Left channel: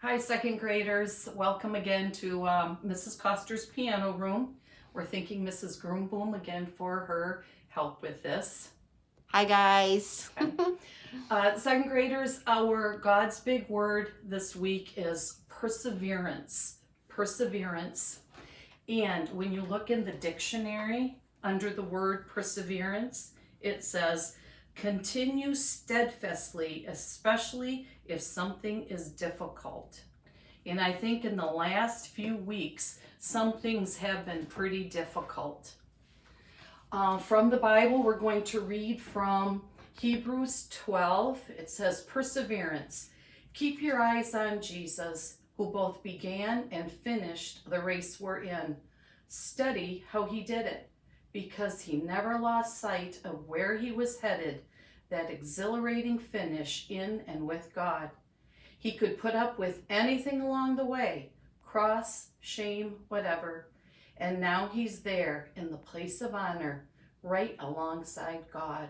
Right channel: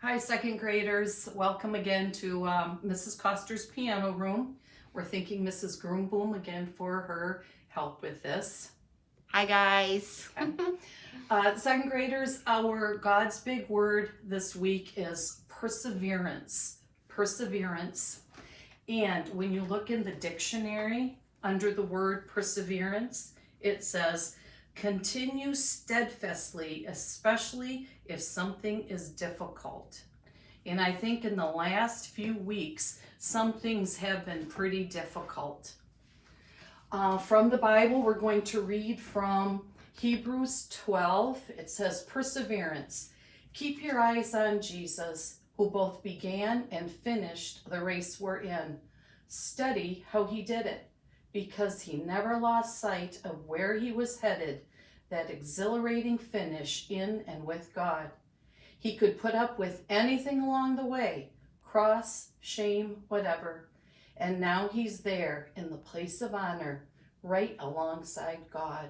Hi, second graders. Welcome again to Mrs. Koster's piano room. We're thanking Mrs. Groomboom again for her help with this. Hi, guys. Okay. Second graders, our God's big word this week is perseverance. Perseverance. And when you look in the dictionary under the word perseverance, it says, continue steadfastly, especially if something is difficult. And I think in the last few weeks, some things have been pretty difficult. From the Bible, we're going to read from Hebrews 12. It says, perseverance. Keep your eyes on Jesus, who both began and finished the race we're in. Study how he did it, because he never lost sight of where he was headed, that exhilarating finish in and with God. He could put up with anything along the way, cross, shame, whatever. And now he's there in the place of honor, right alongside God.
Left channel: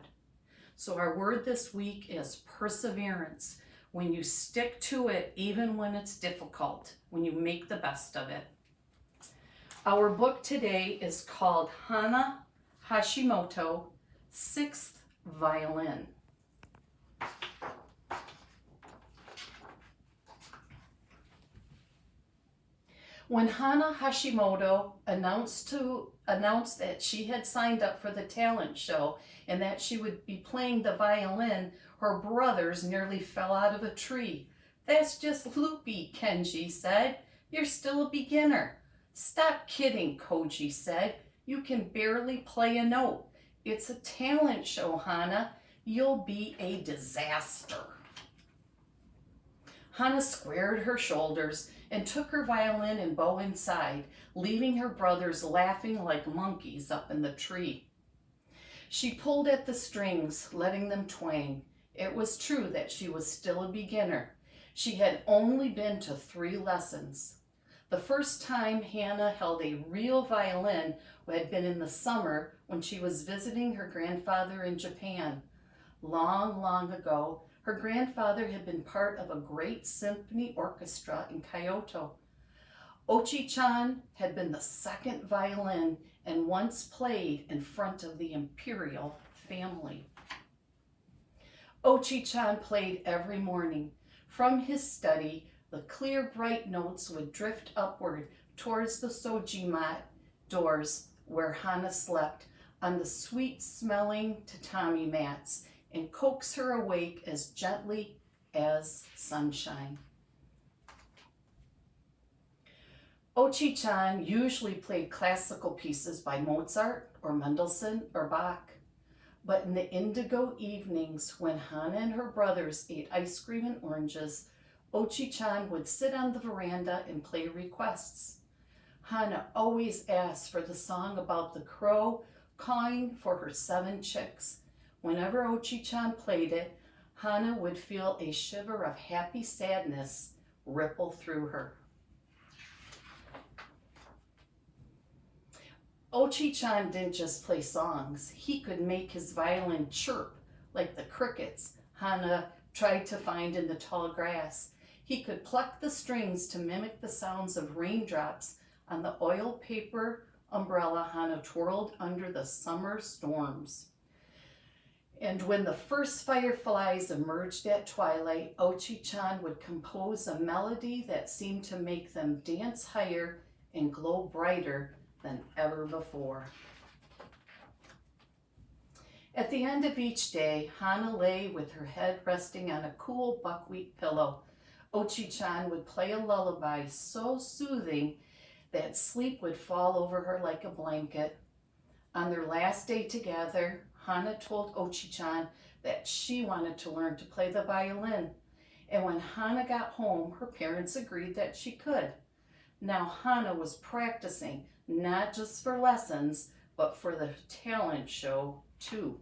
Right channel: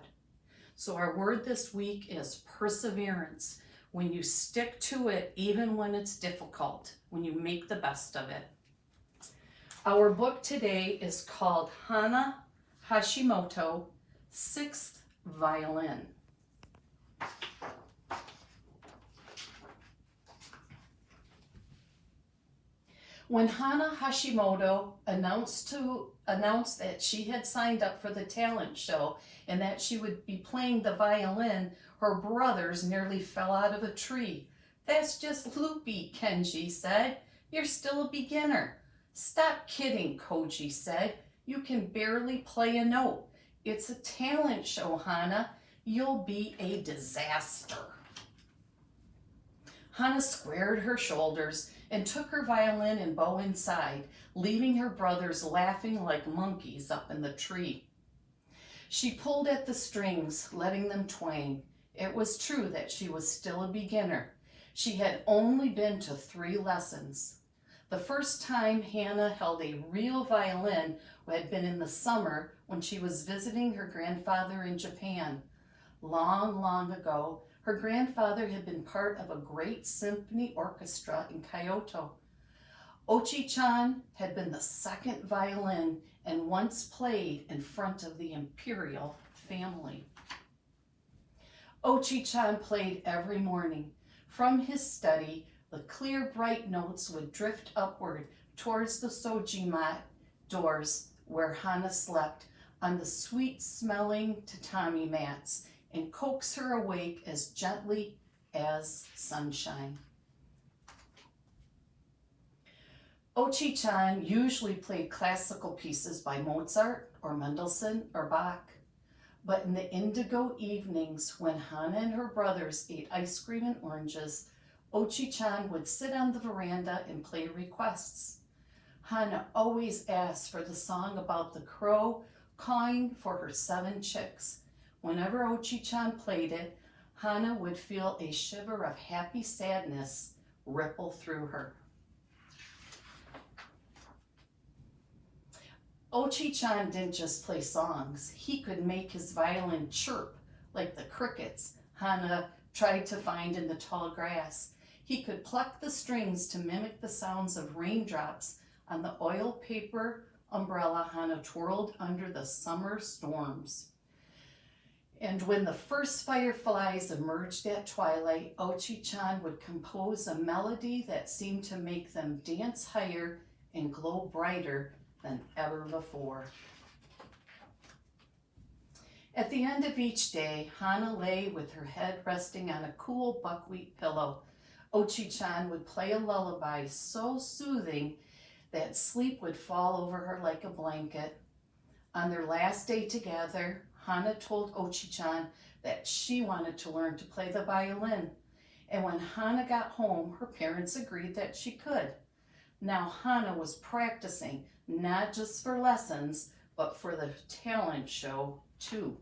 So our word this week is perseverance. When you stick to it, even when it's difficult, when you make the best of it. Our book today is called Hana Hashimoto, 6th Violin. When Hana Hashimoto announced that she had signed up for the talent show and that she would be playing the violin, her brothers nearly fell out of a tree. That's just loopy, Kenji said. You're still a beginner. Stop kidding, Koji said. You can barely play a note. It's a talent show, Hana. You'll be a disaster. Hana squared her shoulders and took her violin and bow inside, leaving her brothers laughing like monkeys up in the tree. She pulled at the strings, letting them twang. It was true that she was still a beginner. She had only been to 3 lessons. The first time Hana held a real violin had been in the summer when she was visiting her grandfather in Japan. Long, long ago, her grandfather had been part of a great symphony orchestra in Kyoto. Ochi-chan had been the 2nd violin and once played in front of the imperial family. Ochi-chan played every morning. From his study, the clear, bright notes would drift upward towards the sojima doors where Hana slept on the sweet-smelling tatami mats and coax her awake as gently as sunshine. Ochi-chan usually played classical pieces by Mozart or Mendelssohn or Bach. But in the indigo evenings when Hana and her brothers ate ice cream and oranges, Ochi-chan would sit on the veranda and play requests. Hana always asked for the song about the crow cawing for her 7 chicks. Whenever Ochi-chan played it, Hana would feel a shiver of happy sadness ripple through her. Ochi-chan didn't just play songs. He could make his violin chirp like the crickets Hana tried to find in the tall grass. He could pluck the strings to mimic the sounds of raindrops on the oil paper umbrella Hana twirled under the summer storms. And when the first fireflies emerged at twilight, Ochi-chan would compose a melody that seemed to make them dance higher and glow brighter than ever before. At the end of each day, Hana lay with her head resting on a cool buckwheat pillow. Ochi-chan would play a lullaby so soothing that sleep would fall over her like a blanket. On their last day together, Hana told Ochi-chan that she wanted to learn to play the violin. And when Hana got home, her parents agreed that she could. Now Hana was practicing, not just for lessons, but for the talent show too.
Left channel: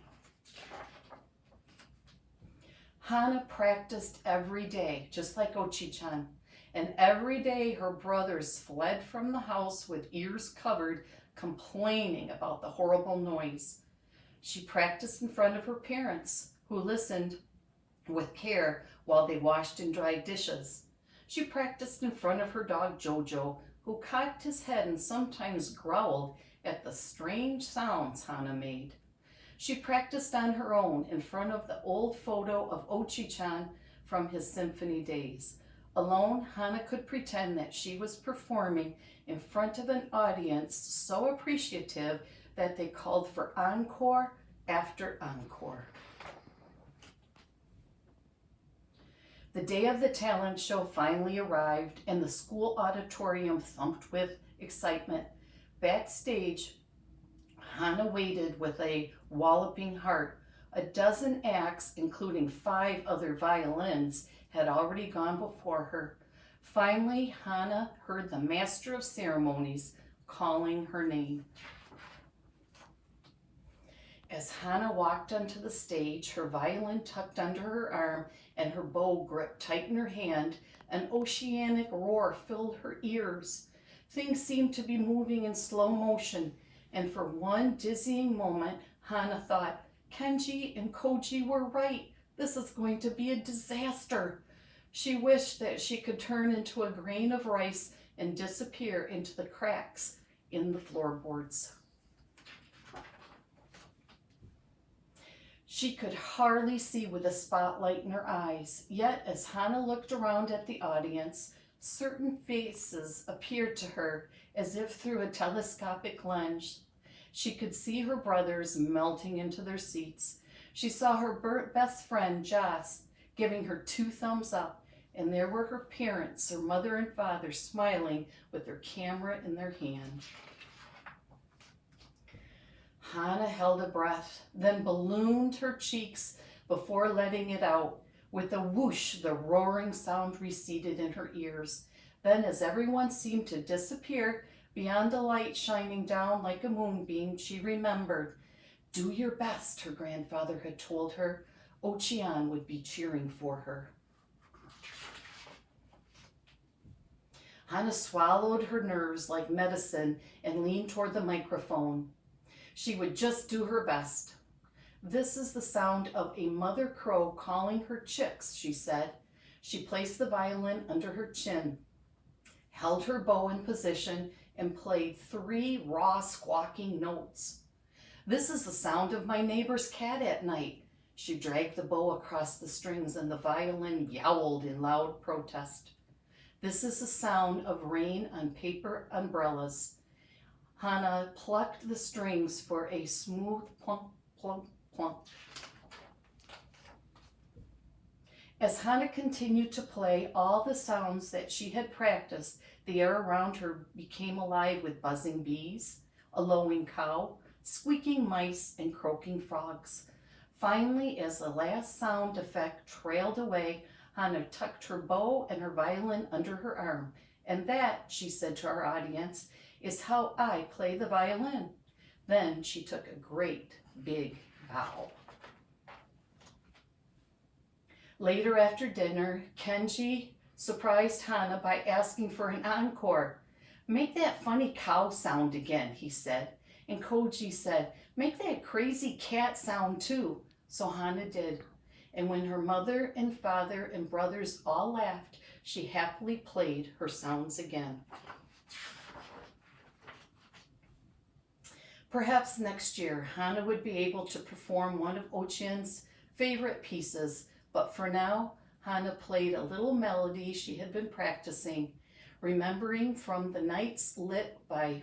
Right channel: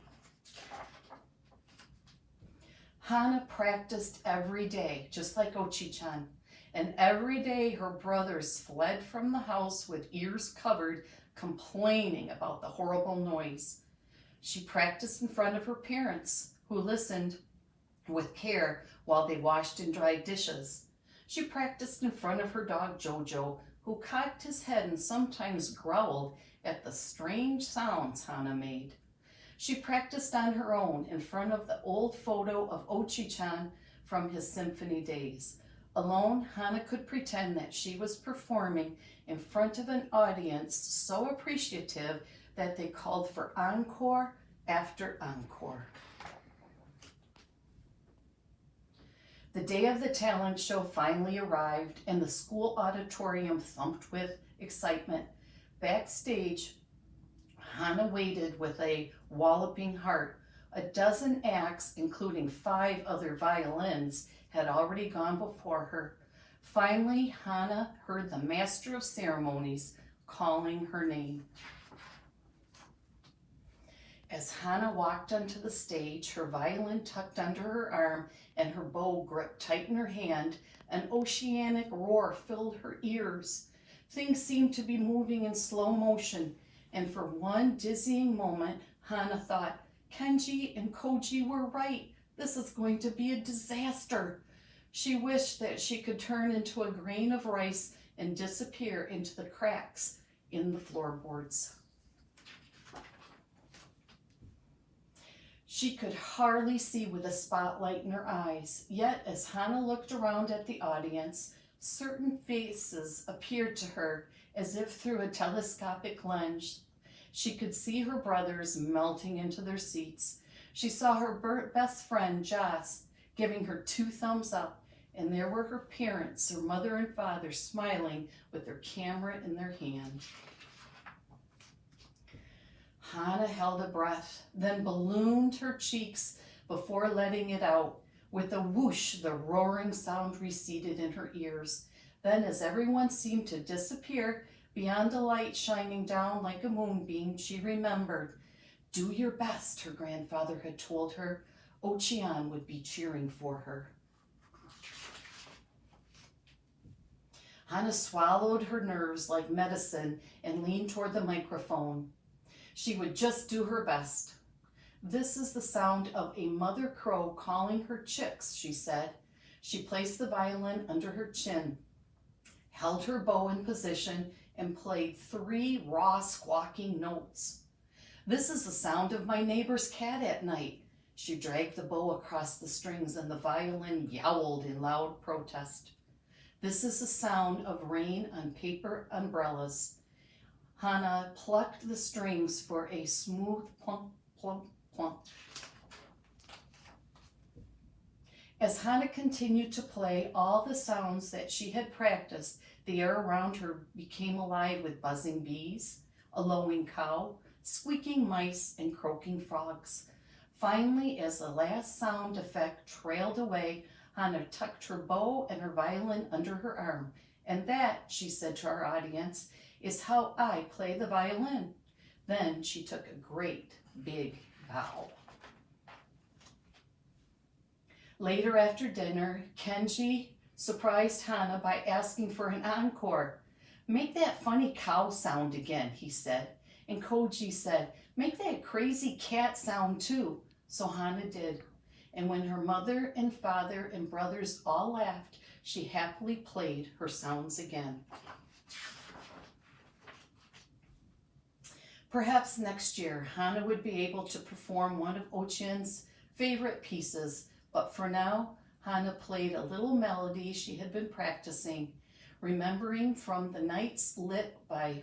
Hana practiced every day, just like Ochi-chan. And every day her brothers fled from the house with ears covered, complaining about the horrible noise. She practiced in front of her parents, who listened with care while they washed and dried dishes. She practiced in front of her dog Jojo, who cocked his head and sometimes growled at the strange sounds Hana made. She practiced on her own in front of the old photo of Ochi-chan from his symphony days. Alone, Hana could pretend that she was performing in front of an audience so appreciative that they called for encore after encore. The day of the talent show finally arrived, and the school auditorium thumped with excitement. Backstage, Hana waited with a walloping heart. A dozen acts, including 5 other violins, had already gone before her. Finally, Hana heard the master of ceremonies calling her name. As Hana walked onto the stage, her violin tucked under her arm and her bow gripped tight in her hand, an oceanic roar filled her ears. Things seemed to be moving in slow motion, and for one dizzying moment, Hana thought, Kenji and Koji were right. This is going to be a disaster. She wished that she could turn into a grain of rice and disappear into the cracks in the floorboards. She could hardly see with the spotlight in her eyes, yet as Hana looked around at the audience, certain faces appeared to her as if through a telescopic lens. She could see her brothers melting into their seats. She saw her best friend, Joss, giving her 2 thumbs up, and there were her parents, her mother and father, smiling with their camera in their hand. Hana held a breath, then ballooned her cheeks before letting it out. With a whoosh, the roaring sound receded in her ears. Then, as everyone seemed to disappear beyond the light shining down like a moonbeam, she remembered. Do your best, her grandfather had told her. Ochi-an would be cheering for her. Hana swallowed her nerves like medicine and leaned toward the microphone. She would just do her best. This is the sound of a mother crow calling her chicks, she said. She placed the violin under her chin, held her bow in position, and played 3 raw squawking notes. This is the sound of my neighbor's cat at night. She dragged the bow across the strings and the violin yowled in loud protest. This is the sound of rain on paper umbrellas. Hana plucked the strings for a smooth plump, plump, plump. As Hana continued to play all the sounds that she had practiced, the air around her became alive with buzzing bees, a lowing cow, squeaking mice, and croaking frogs. Finally, as the last sound effect trailed away, Hana tucked her bow and her violin under her arm. And that, she said to our audience, is how I play the violin. Then she took a great big bow. Later after dinner, Kenji surprised Hana by asking for an encore. Make that funny cow sound again, he said. And Koji said, make that crazy cat sound too. So Hana did. And when her mother and father and brothers all laughed, she happily played her sounds again. Perhaps next year, Hana would be able to perform one of Ochi-an's favorite pieces, but for now, Hana played a little melody she had been practicing, remembering from the nights lit by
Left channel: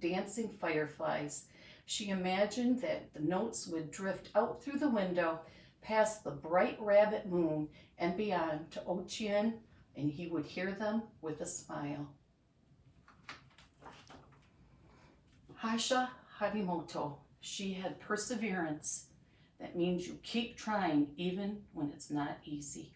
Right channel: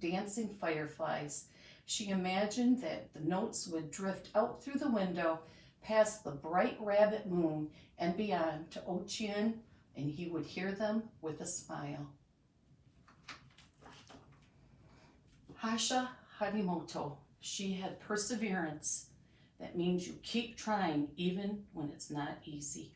dancing fireflies. She imagined that the notes would drift out through the window, past the bright rabbit moon, and beyond to Ochi-an, and he would hear them with a smile. Hana Hashimoto, she had perseverance. That means you keep trying even when it's not easy.